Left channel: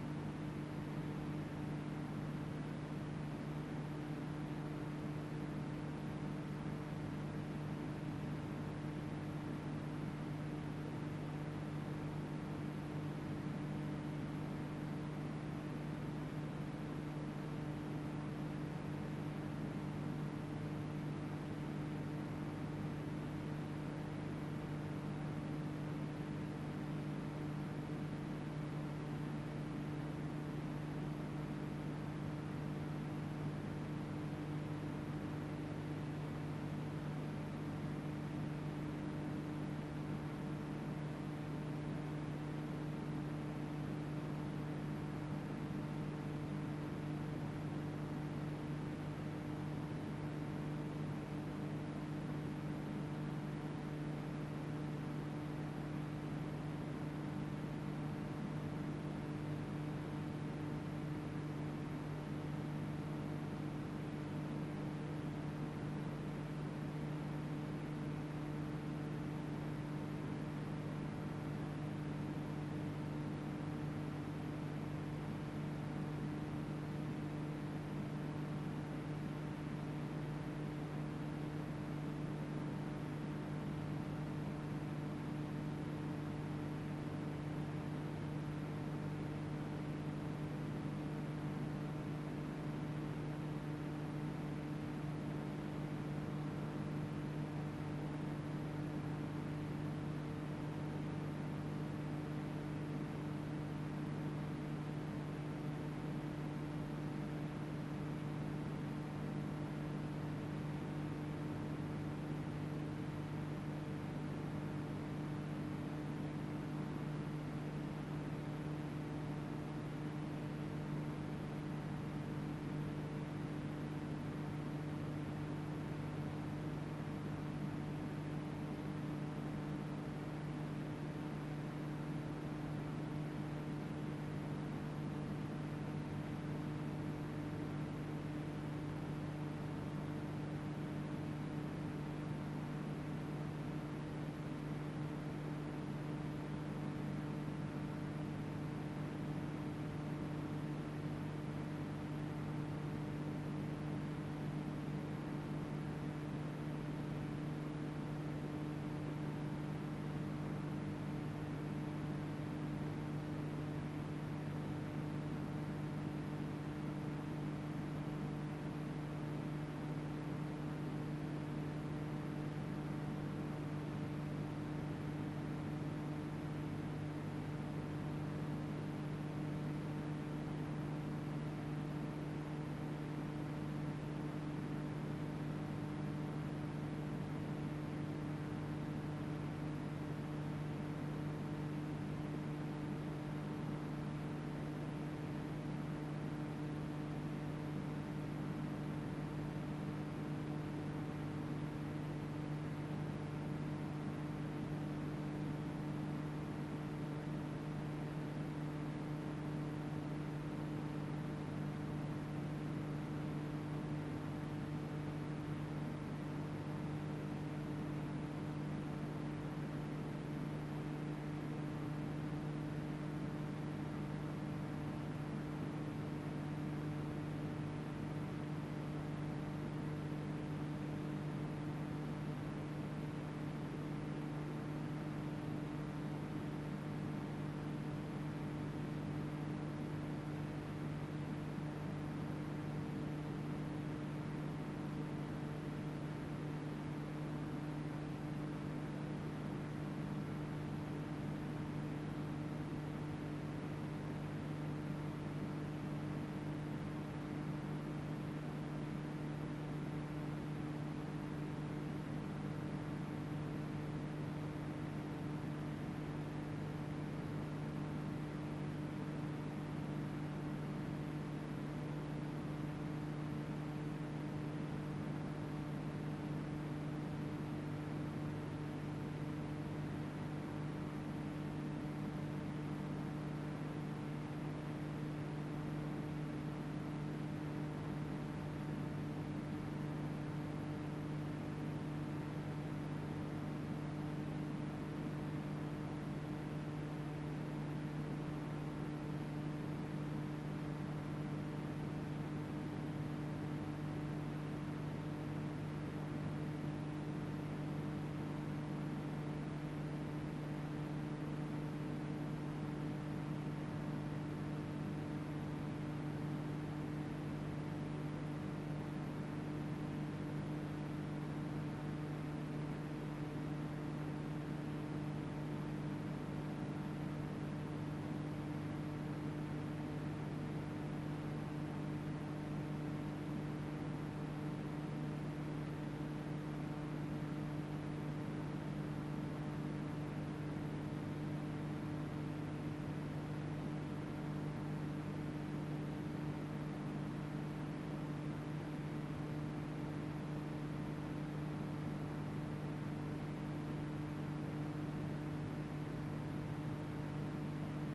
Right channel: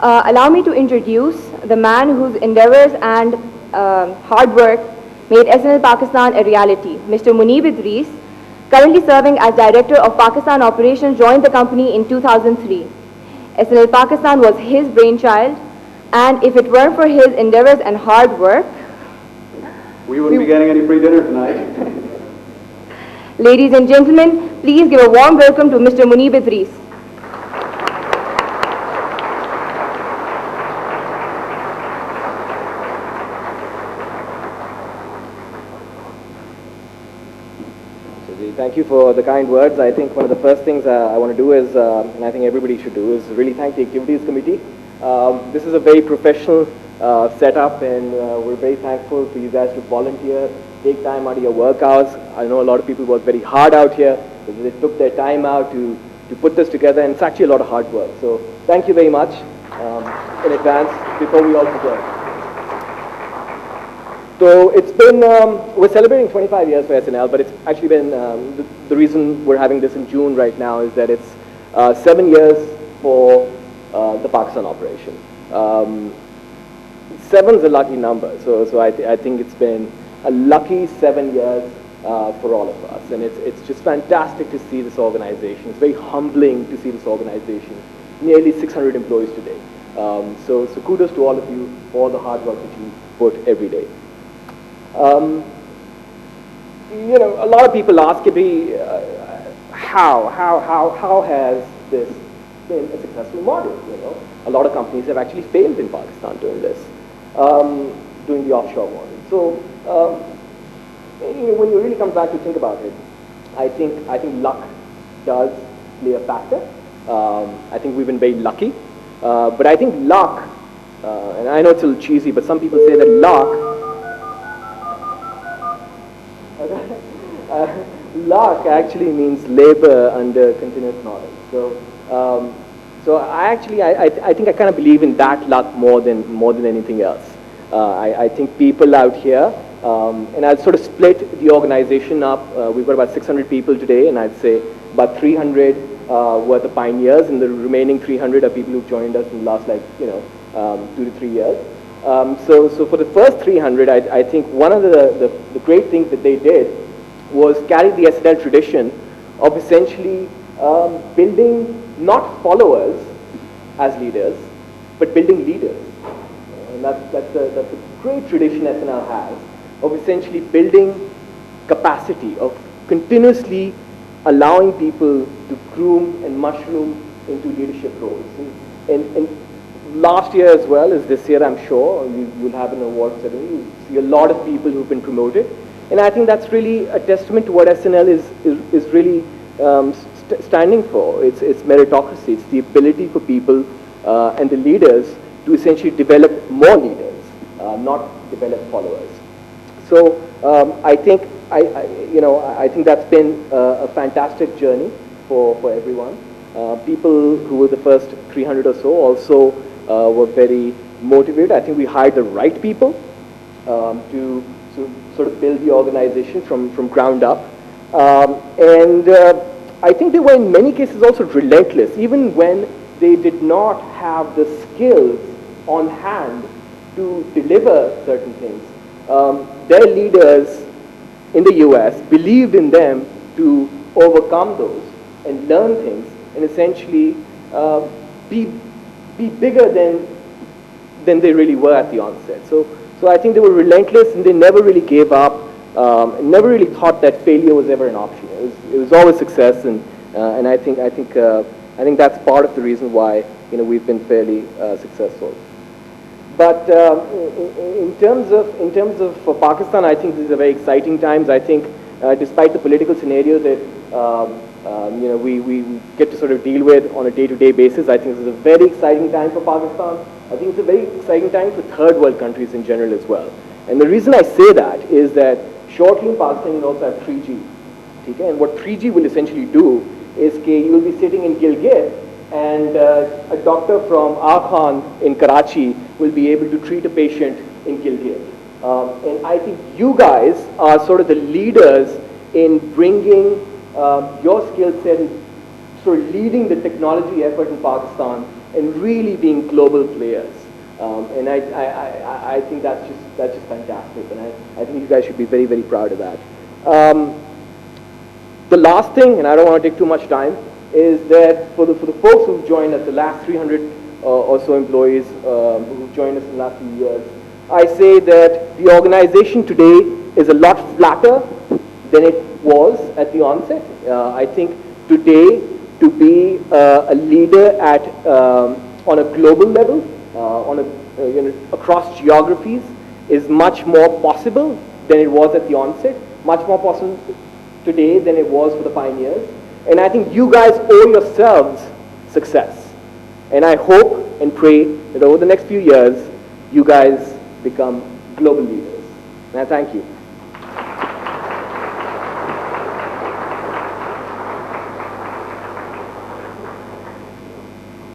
Allow me to introduce the man whose endeavors and hard work made SNL Pakistan a reality, Mr. Muneeb Idris, currently serving as Director of Pakistan Operations, joined the company in 2003. SNL Pakistan was his brainchild, and if it weren't for his endeavors and hard work, we wouldn't be getting any free dinner tonight. Ladies and gentlemen, please give a warm welcome to Mr. Muneeb Idris. Thank you for the kind words. I think one of the first things I want to do is, and I think everybody should do, is really thank the Activities Committee. This is a very professional setup, and we're very thankful for you guys to volunteer, take time out of your work hours. I know a lot of people work very hard out here. They took their time out to put this together, and it's actually a lot of hard work. So thank you very much in advance before we all begin. So it's been, we're celebrating 25 years for SNL, but it's actually been, the reason we're having this in June right now is that it's 7 years for the Pakistan operation. 7's a lucky number, so I think it's been a lucky 7 years for all of us, and it's just fantastic to see this organization. It's very humbling to see this organization. Nearly 600 employees today. So kudos to all of you for the hard work that you put every day. You know, a lot of people ask me, how has this been a successful model? You know, a lot of companies have actually failed in Pakistan doing this, doing the offshore model. So, when you really come back to think about it, I think luck does play a factor. I think we've been very lucky, but I think luck, and I know it's a little cheesy, but some people say that luck. Luck actually means labor under continuous knowledge. So I think I kind of believe in that luck more than anything else. I think people out here, and I'll sort of split the organization up. We've got about 600 people today, and I'd say about 300 were the pioneers, and the remaining 300 are people who've joined us in the last 2 to 3 years. So for the first 300, I think one of the great things that they did was carry the SNL tradition of essentially building not followers as leaders, but building leaders. And that's a great tradition SNL has of essentially building capacity, of continuously allowing people to groom and mushroom into leadership roles. And last year as well as this year, I'm sure, you'll have an award ceremony. You see a lot of people who've been promoted. And I think that's really a testament to what SNL is really standing for. It's meritocracy. It's the ability for people and the leaders to essentially develop more leaders, not develop followers. So I think that's been a fantastic journey for everyone. People who were the first 300 or so also were very motivated. I think we hired the right people to sort of build the organization from ground up. And I think they were in many cases also relentless, even when they did not have the skills on hand to deliver certain things. Their leaders in the US believed in them to overcome those and learn things and essentially be bigger than they really were at the onset. So I think they were relentless, and they never really gave up, and never really thought that failure was ever an option. It was always success, and I think that's part of the reason why we've been fairly successful. But in terms of for Pakistan, I think these are very exciting times. I think despite the political scenario that we get to sort of deal with on a day-to-day basis, I think this is a very exciting time for Pakistan. I think it's a very exciting time for third world countries in general as well. And the reason I say that is that shortly in Pakistan you'll also have 3G. Okay? And what 3G will essentially do is you will be sitting in Gilgit, and a doctor from Akhan in Karachi will be able to treat a patient in Gilgit. And I think you guys are sort of the leaders in bringing your skill set, sort of leading the technology effort in Pakistan and really being global players. And I think that's just fantastic, and I think you guys should be very, very proud of that. The last thing, and I don't want to take too much time, is that for the folks who've joined us, the last 300 or so employees who've joined us in the last few years, I say that the organization today is a lot flatter than it was at the onset. I think today, to be a leader at on a global level, across geographies, is much more possible than it was at the onset. Much more possible today than it was for the pioneers. And I think you guys owe yourselves success. And I hope and pray that over the next few years, you guys become global leaders. And I thank you.